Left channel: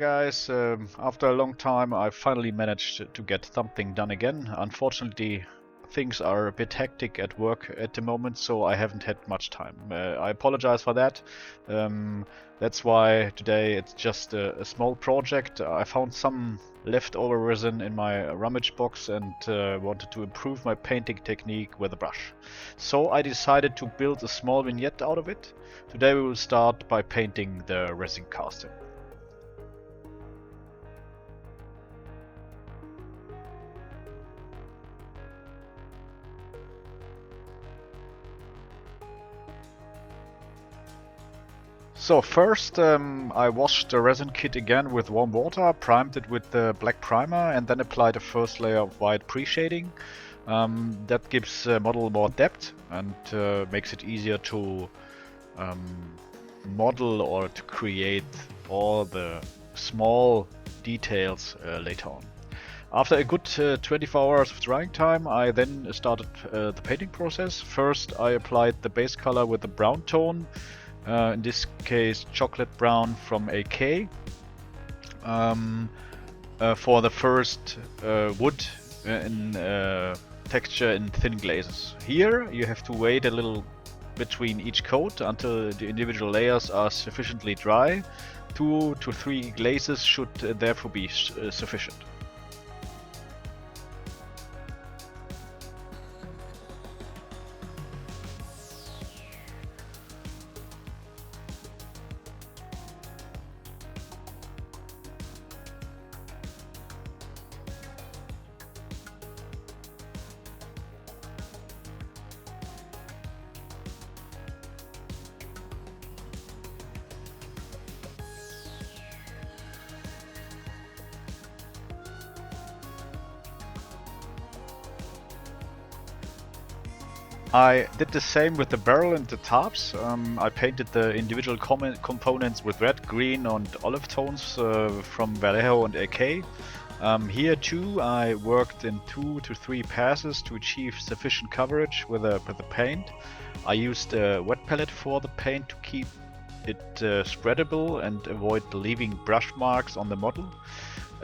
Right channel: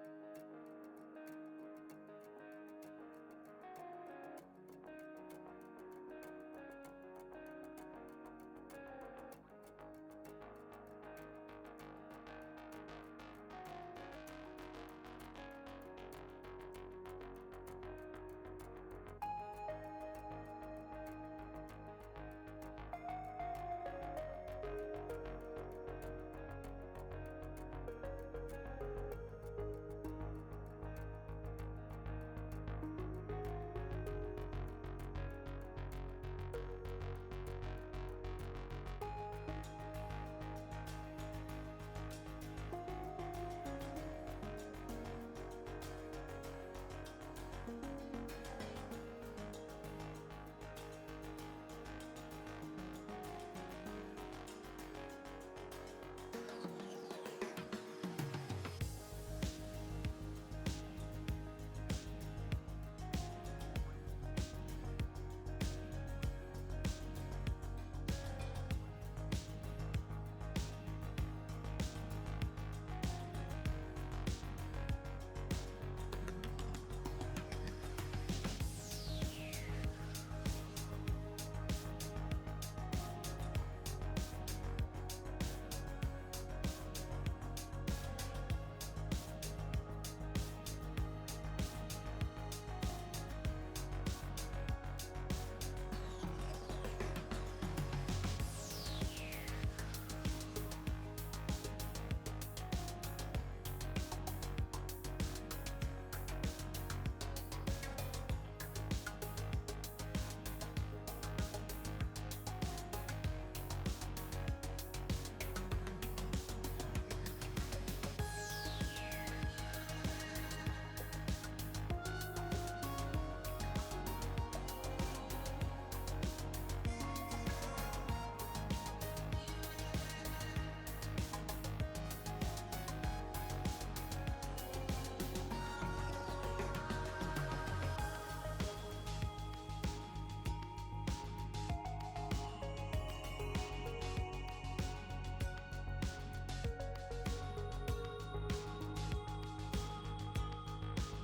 guys. After a long time, I finally managed to get something done again. Unfortunately, things are a bit hectic at work at the moment, so I haven't had much time. I apologize for that. That's why today it's just a small project. I found some leftover resin in my rummage box and wanted to improve my painting technique with a brush. So I decided to build a small vignette out of it. Today we will start by painting the resin casting. So first I washed the resin kit again with warm water, primed it with the black primer and then applied a first layer of white pre-shading. That gives the model more depth and makes it easier to model or to create all the small details later on. After a good 24 hours of drying time, I then started the painting process. First I applied the base color with the brown tone. In this case chocolate brown from AK for the first wood in texture in thin glazes. Here you have to wait a little between each coat until the individual layers are sufficiently dry. 2 to 3 glazes should therefore be sufficient. I did the same with the barrel and the tops. I painted the individual components with red, green and olive tones from Vallejo and AK. Here too I worked in 2 to 3 passes to achieve sufficient coverage with the paint. I used a wet palette for the paint to keep it spreadable and avoid leaving brush marks on the model.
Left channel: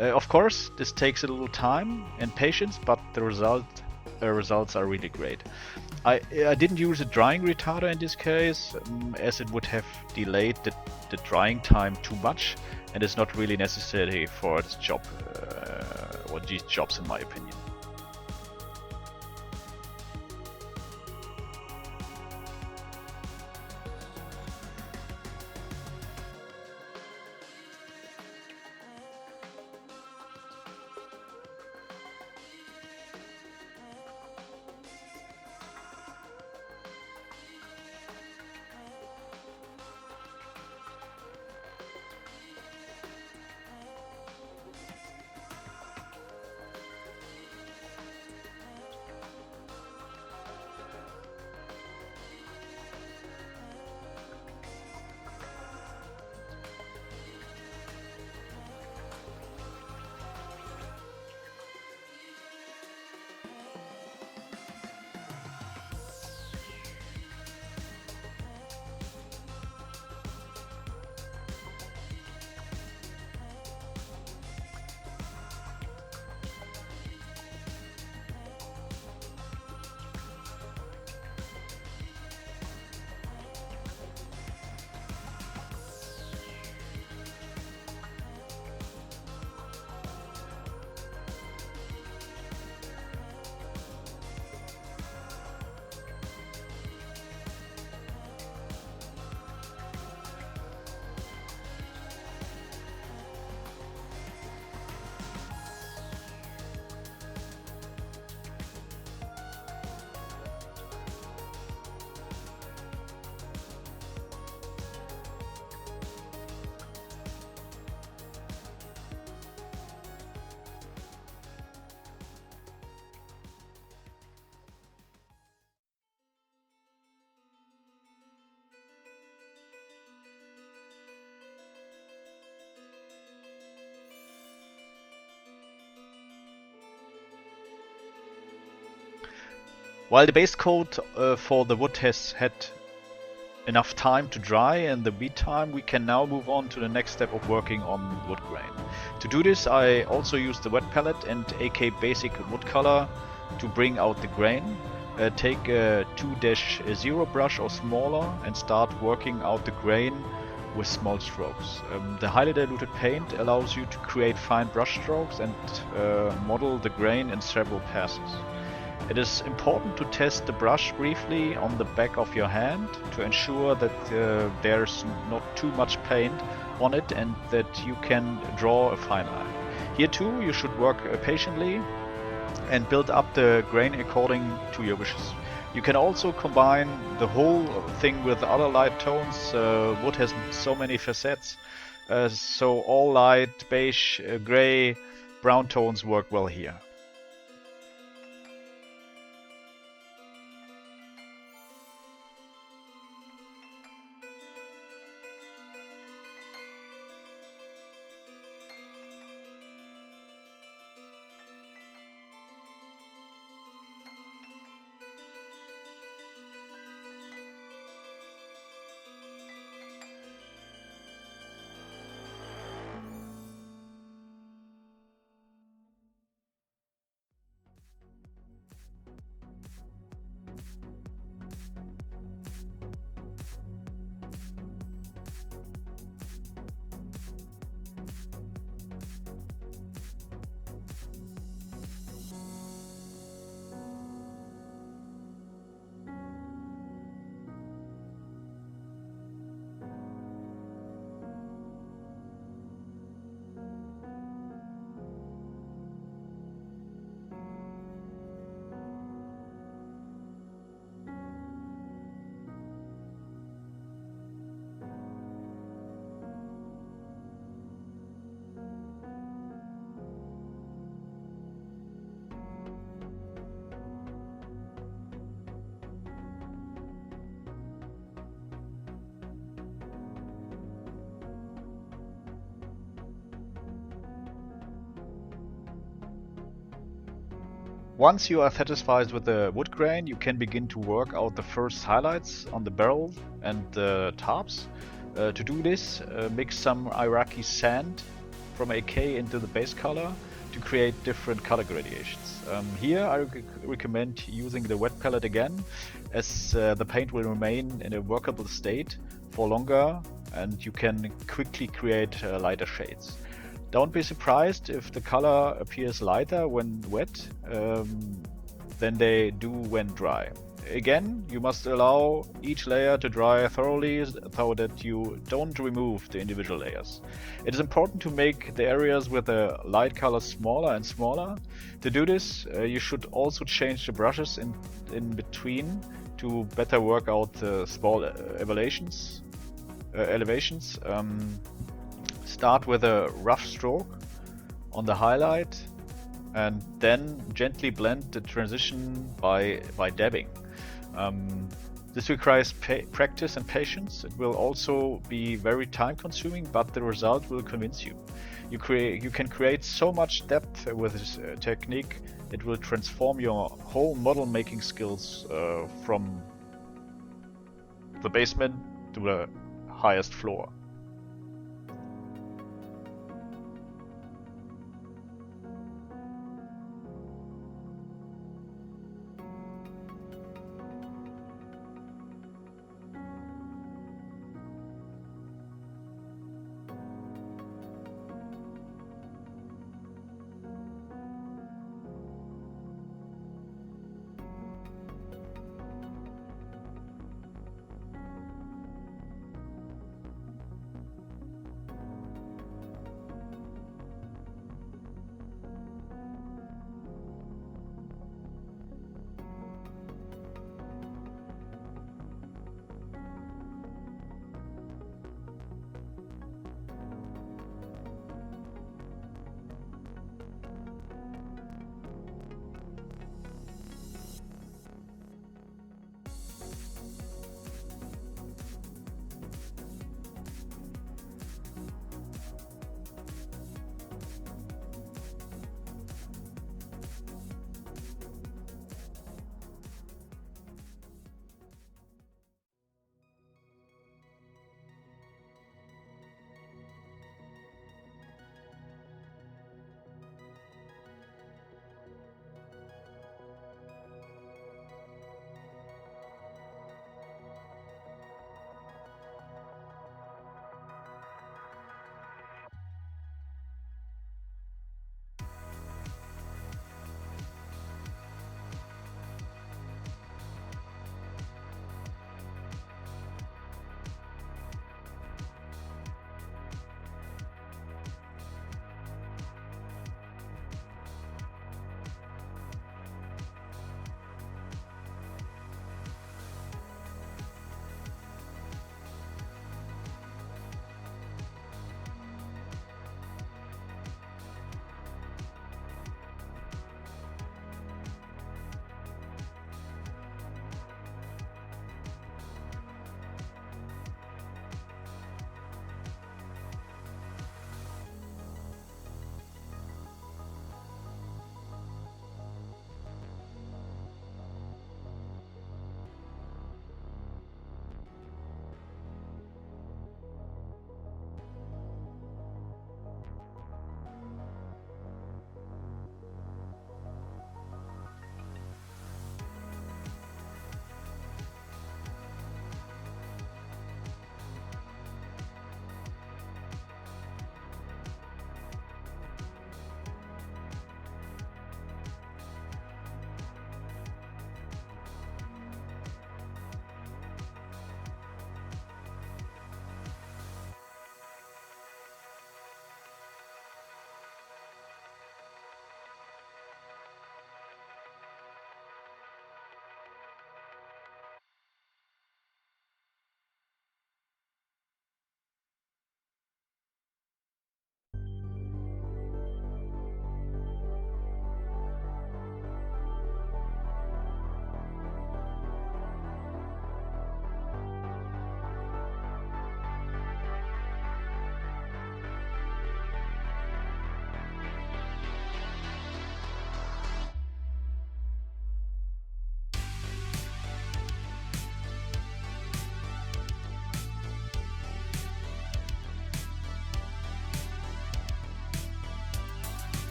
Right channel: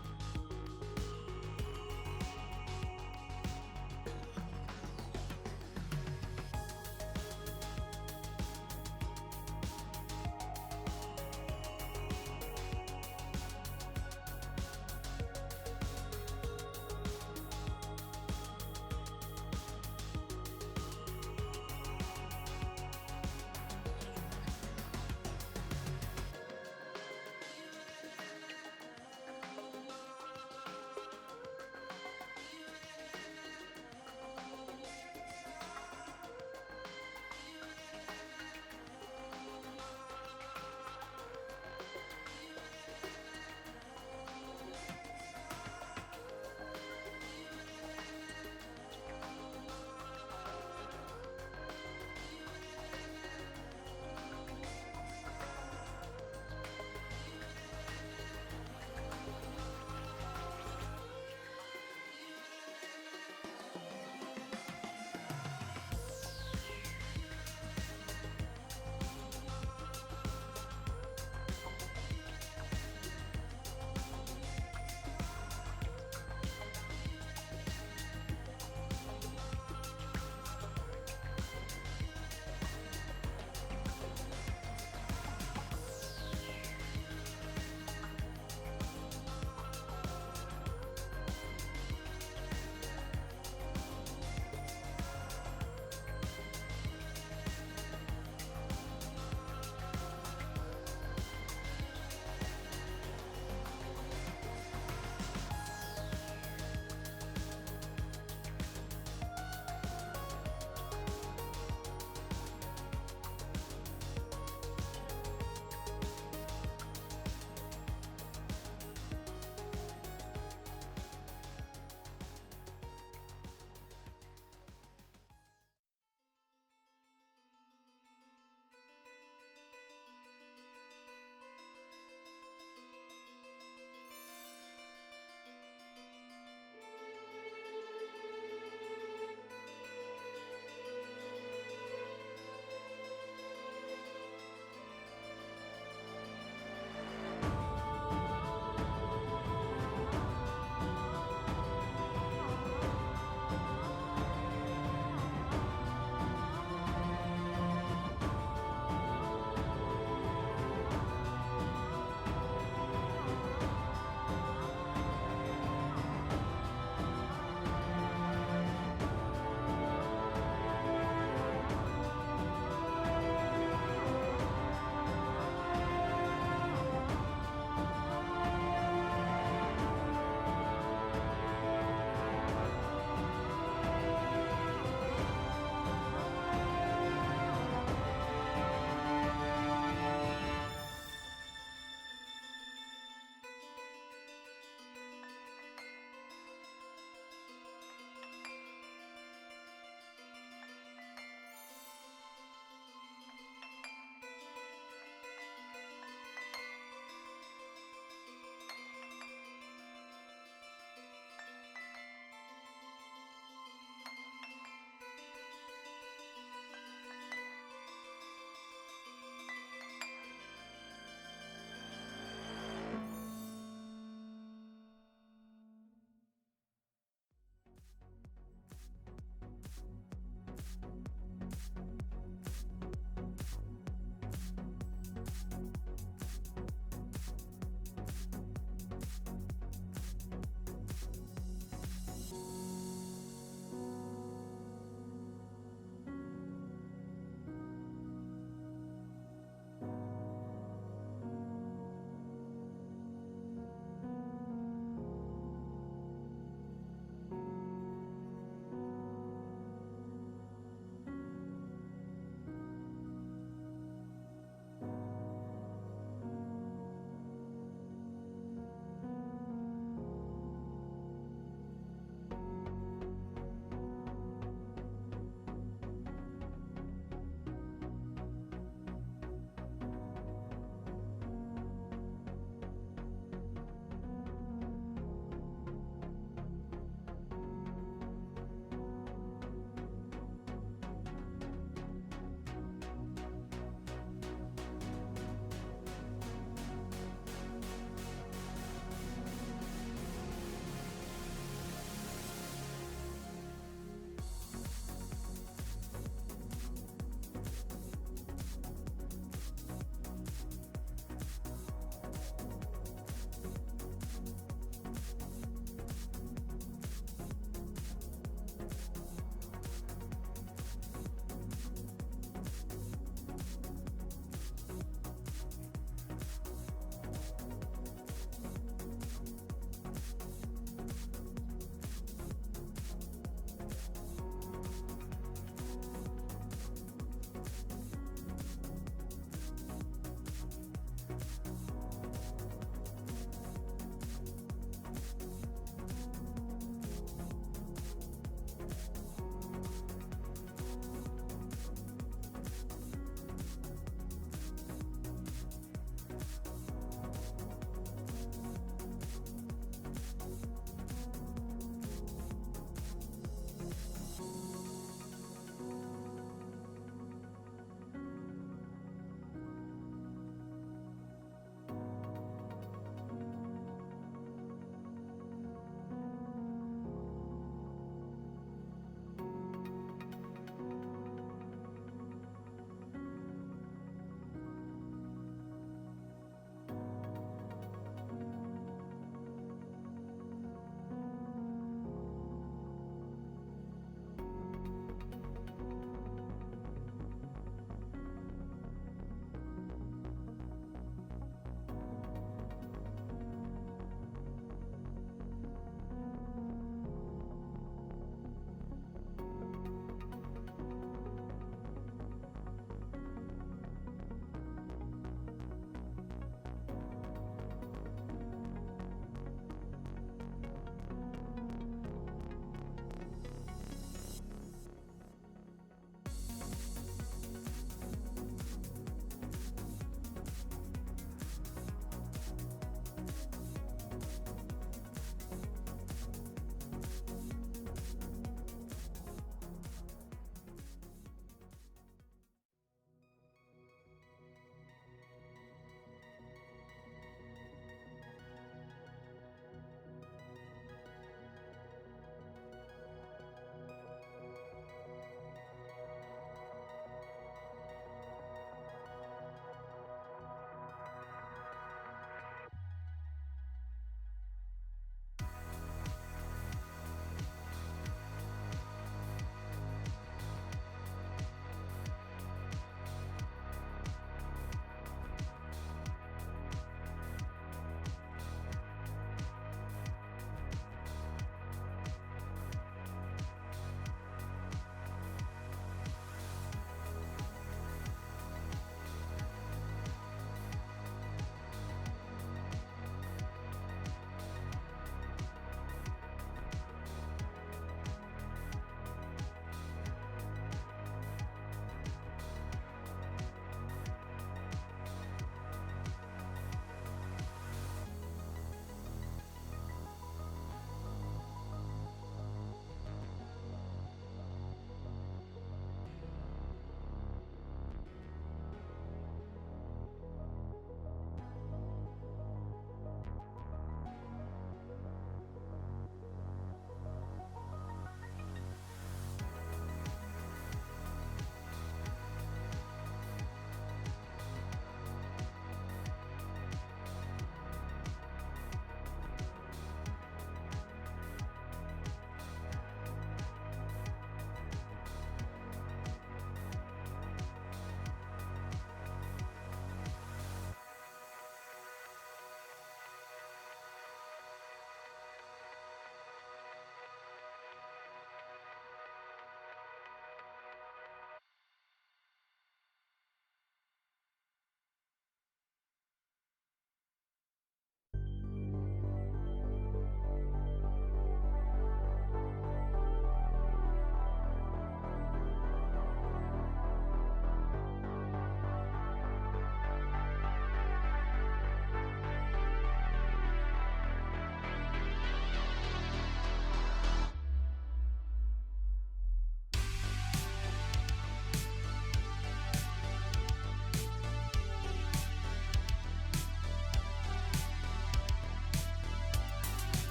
Of course, this takes a little time and patience, but the results are really great. I didn't use a drying retarder in this case, as it would have delayed the drying time too much, and it's not really necessary for this job, or these jobs in my opinion. While the base coat for the wood has had enough time to dry. In the meantime, we can now move on to the next step of working on wood grain. To do this, I also use the wet palette and AK basic wood color to bring out the grain. Take a 2-0 brush or smaller and start working out the grain with small strokes. The highly diluted paint allows you to create fine brush strokes and model the grain in several passes. It is important to test the brush briefly on the back of your hand to ensure that there's not too much paint on it and that you can draw a fine line. Here too, you should work patiently and build up the grain according to your wishes. You can also combine the whole thing with other light tones. Wood has so many facets, so all light, beige, gray, brown tones work well here. Once you are satisfied with the wood grain, you can begin to work out the first highlights on the barrel and the tops. To do this, mix some Iraqi sand from AK into the base color to create different color gradations. Here I recommend using the wet palette again, as the paint will remain in a workable state for longer and you can quickly create lighter shades. Don't be surprised if the color appears lighter when wet than they do when dry. Again, you must allow each layer to dry thoroughly so that you don't remove the individual layers. It is important to make the areas with the light color smaller and smaller. To do this, you should also change the brushes in between to better work out the small elevations. Start with a rough stroke on the highlight and then gently blend the transition by dabbing. This requires practice and patience. It will also be very time consuming, but the result will convince you. You can create so much depth with this technique, it will transform your whole model making skills from the basement to the highest floor.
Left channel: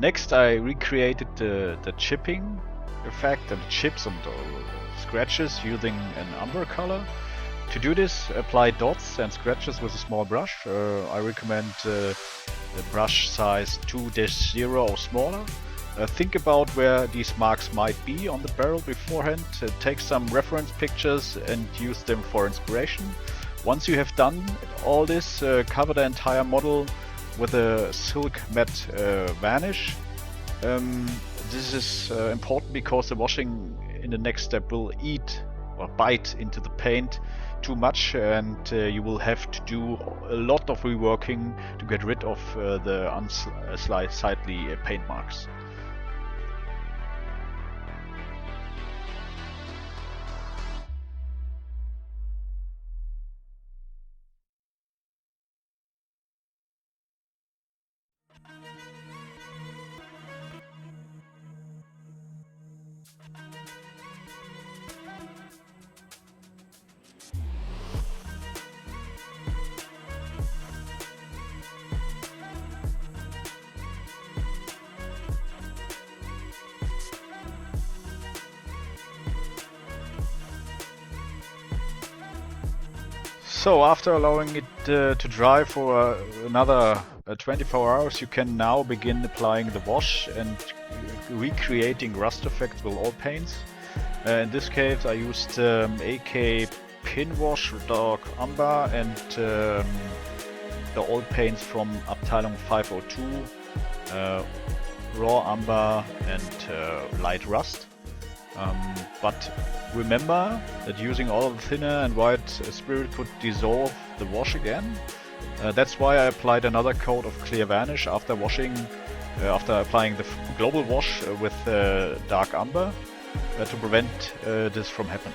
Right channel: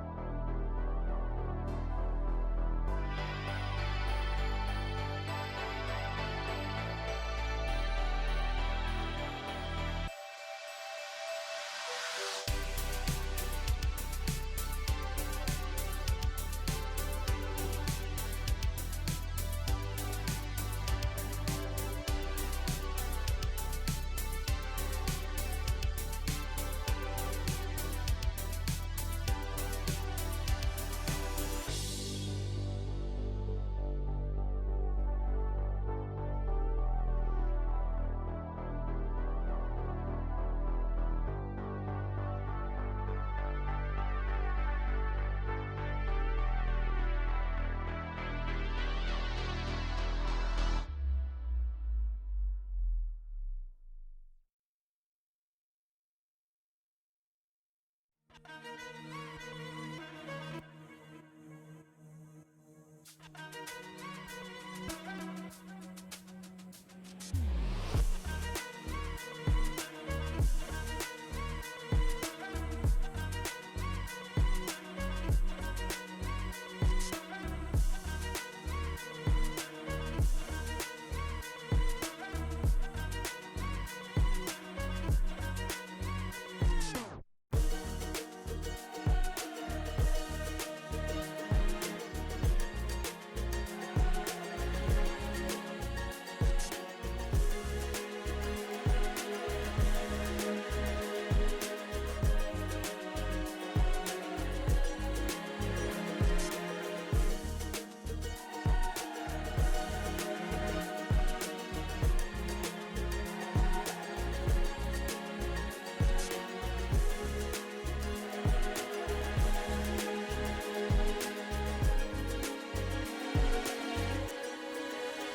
Next, I recreated the chipping effect and chips and scratches using an umber color. To do this, apply dots and scratches with a small brush. I recommend the brush size 2-0 or smaller. Think about where these marks might be on the barrel beforehand. Take some reference pictures and use them for inspiration. Once you have done all this, cover the entire model with a silk matte varnish. This is important because the washing in the next step will eat or bite into the paint too much, and you will have to do a lot of reworking to get rid of the unsightly paint marks. So after allowing it to dry for another 24 hours, you can now begin applying the wash and recreating rust effects with all paints. In this case I used AK Pin Wash, Dark Umber and the old paints from Abteilung 502, Raw Umber and Light Rust. But remember that using all of the thinner and white spirit could dissolve the wash again. That's why I applied another coat of clear varnish after washing, after applying the global wash with dark umber to prevent this from happening.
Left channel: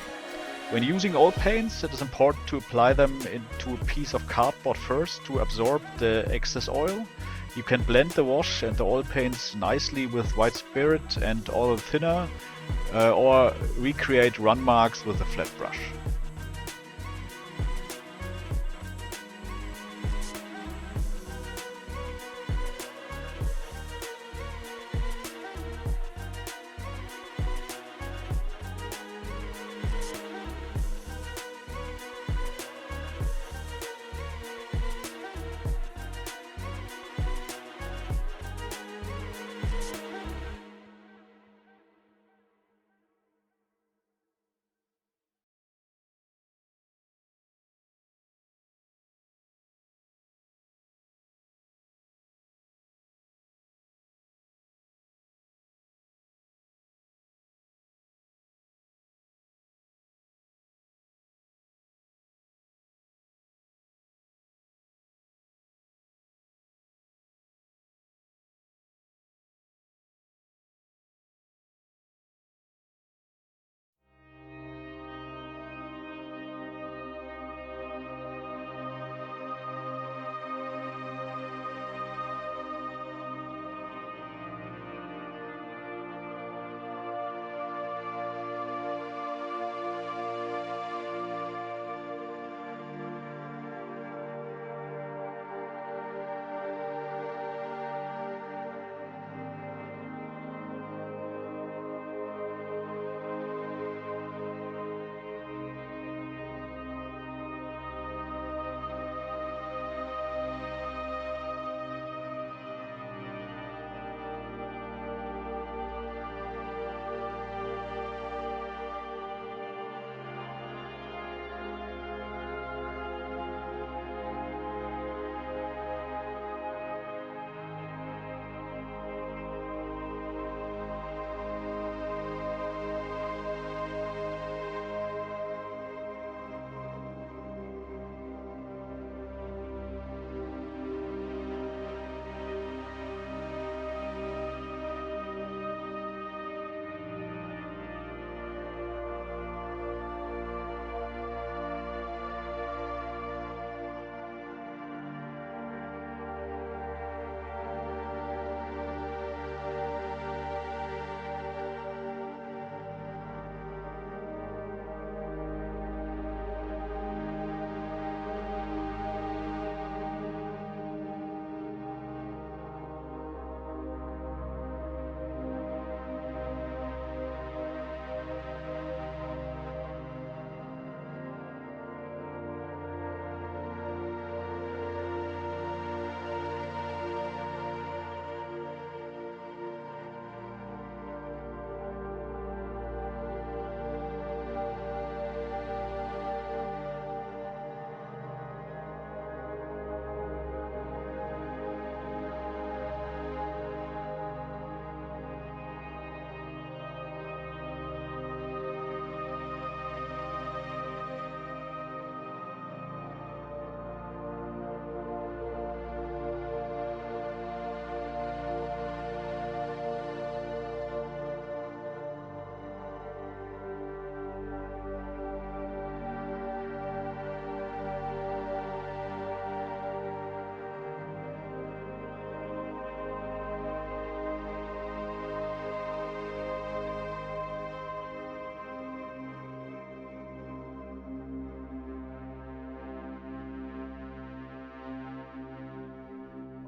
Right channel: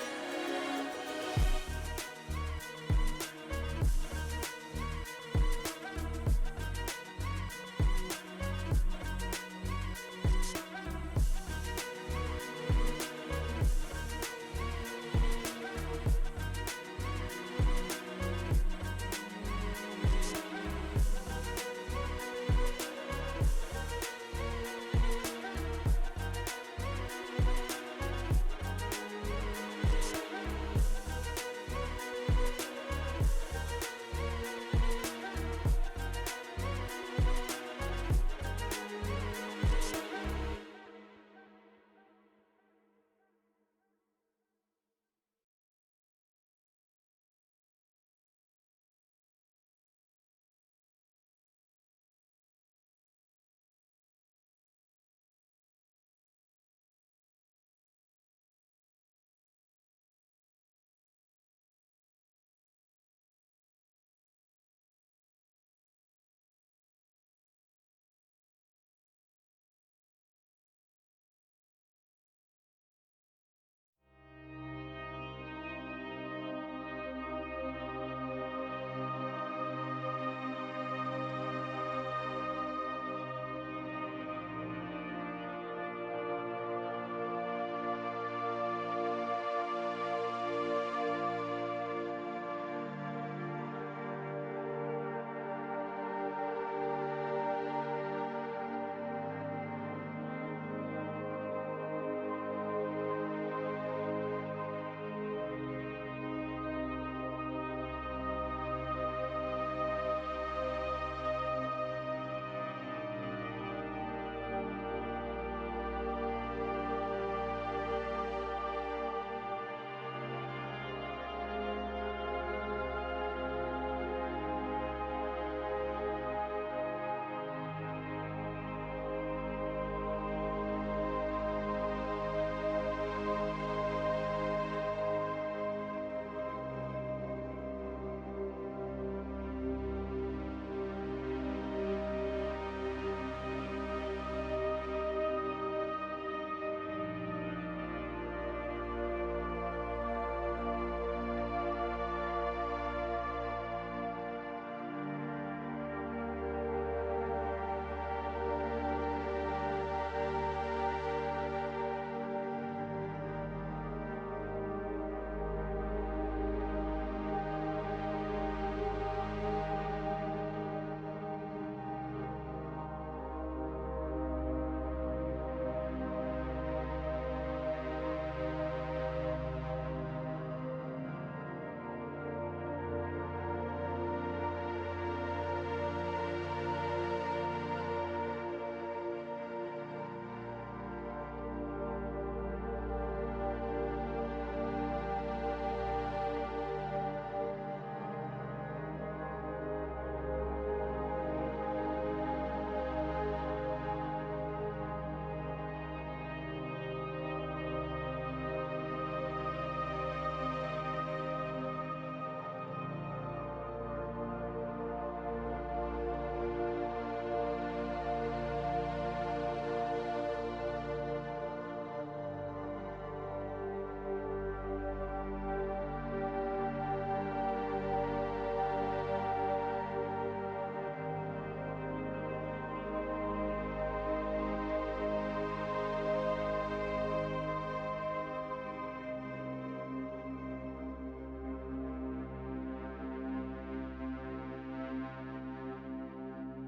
When using old paints, it is important to apply them into a piece of cardboard first to absorb the excess oil. You can blend the wash and the oil paints nicely with white spirit and oil thinner, or recreate run marks with a flat brush.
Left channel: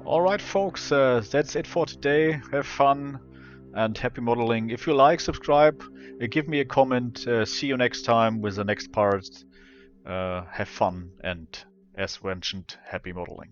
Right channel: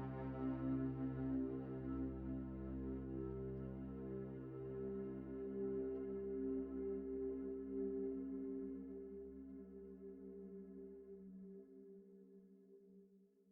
Alright folks, that's it for today. Have fun and happy modeling. If you like, subscribe, give me a comment. See you next time with the next part. Have fun and, as mentioned, happy modeling.